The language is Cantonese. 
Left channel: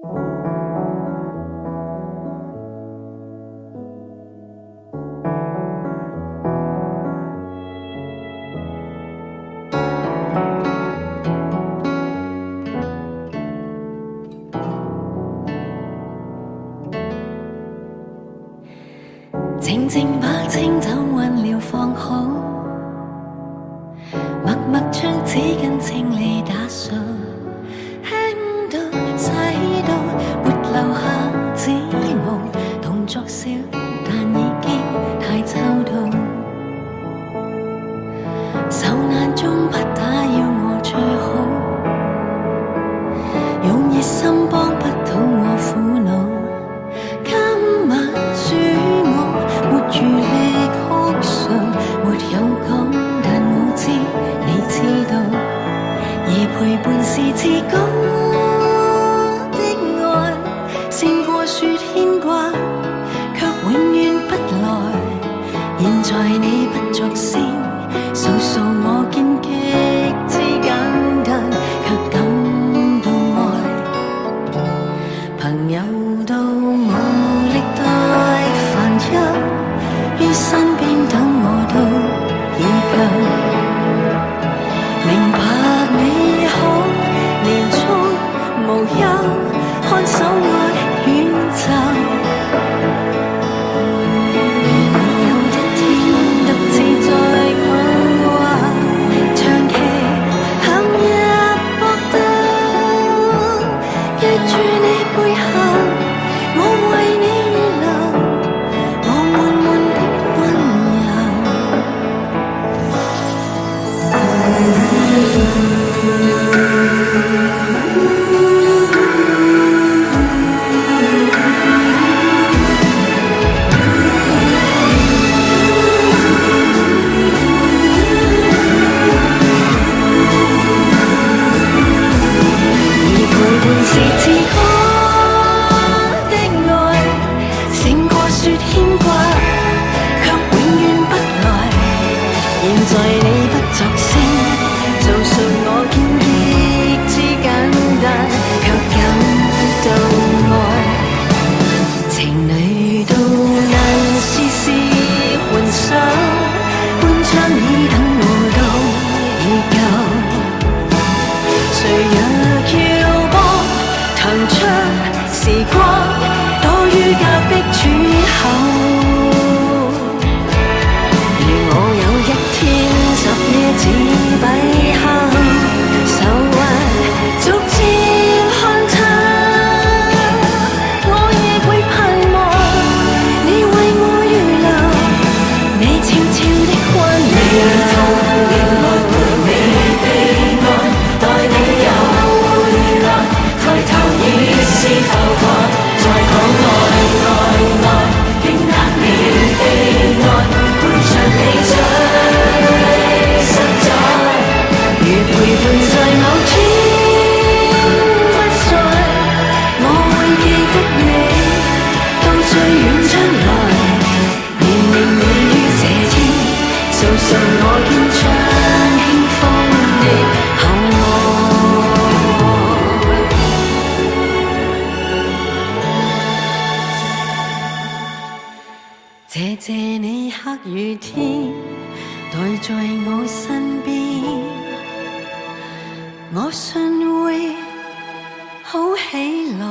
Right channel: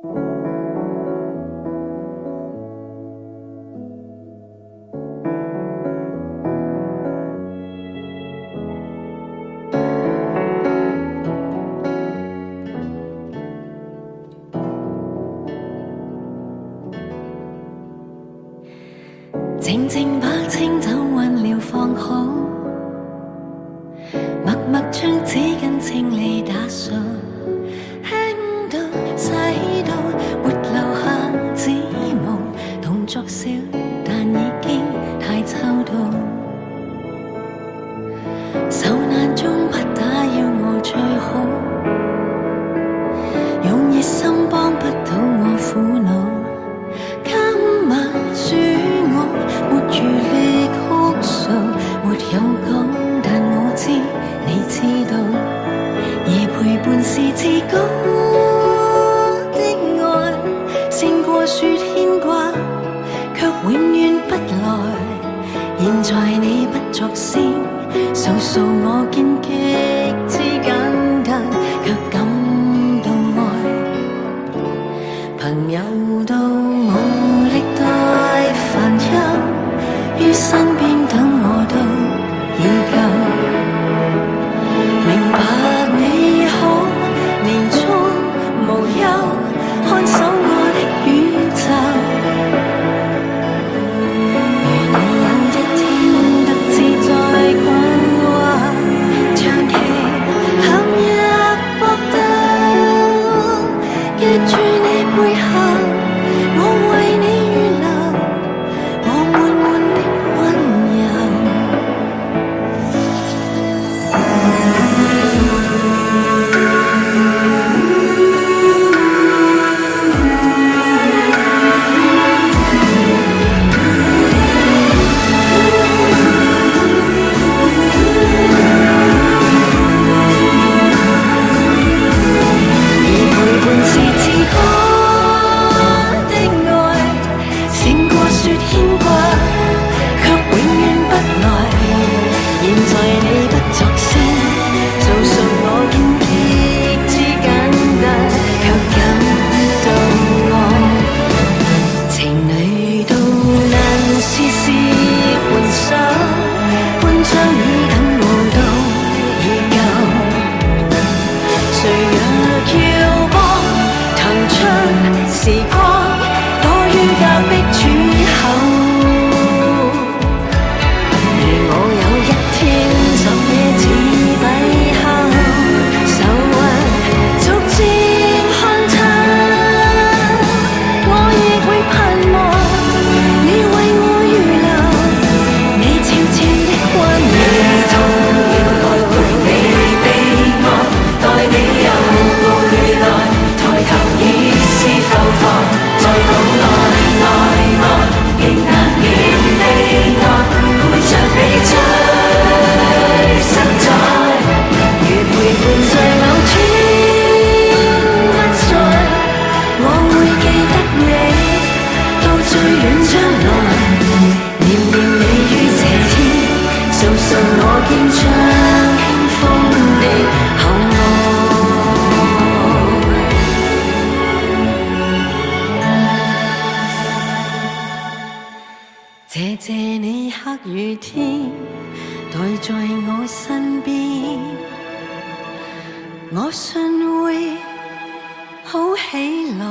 靜靜把清酒溫了放好，默默將紙巾清理打掃，輕到洗到沒留下指毛，動作小但已經太周到，受難中不打擾我最好，用熱心幫不到我苦惱，今晚恕我沒餘力哭訴，沒有講，但我知你知道，而陪伴是至高的愛，勝過說牽掛，卻永遠不來。現在你不作聲，訴訴我見極之簡單，卻感到愛。朋友都無力代煩憂，於身邊等我都已夠，明白你好，年終無憂，看守我的宇宙。如你有一天獨自在困惑，長期陷入搏鬥，記住你背後，我為你預留我滿滿的溫柔。而陪伴是至高的愛，勝過說牽掛，卻永遠不來。現在你不作聲，訴訴我見極之簡單，卻感到愛。情侶都難事事換手，半張椅等我都已夠。誰若要幫騰出時光，躲於隔壁處口。如我有一天10夜似閉後，愁雲逐漸看透，我亦會盼望你為我預留你悄悄的溫柔。你悲哀，待你又回來，抬頭已是浮台，再講愛，仍難免悲哀，陪着你最實在。如陪伴在某天不在，我會記得你到最遠將來，念念你於這天，訴訴我見將輕風的厚愛。謝謝你黑雨天待在我身邊，我信會好起來。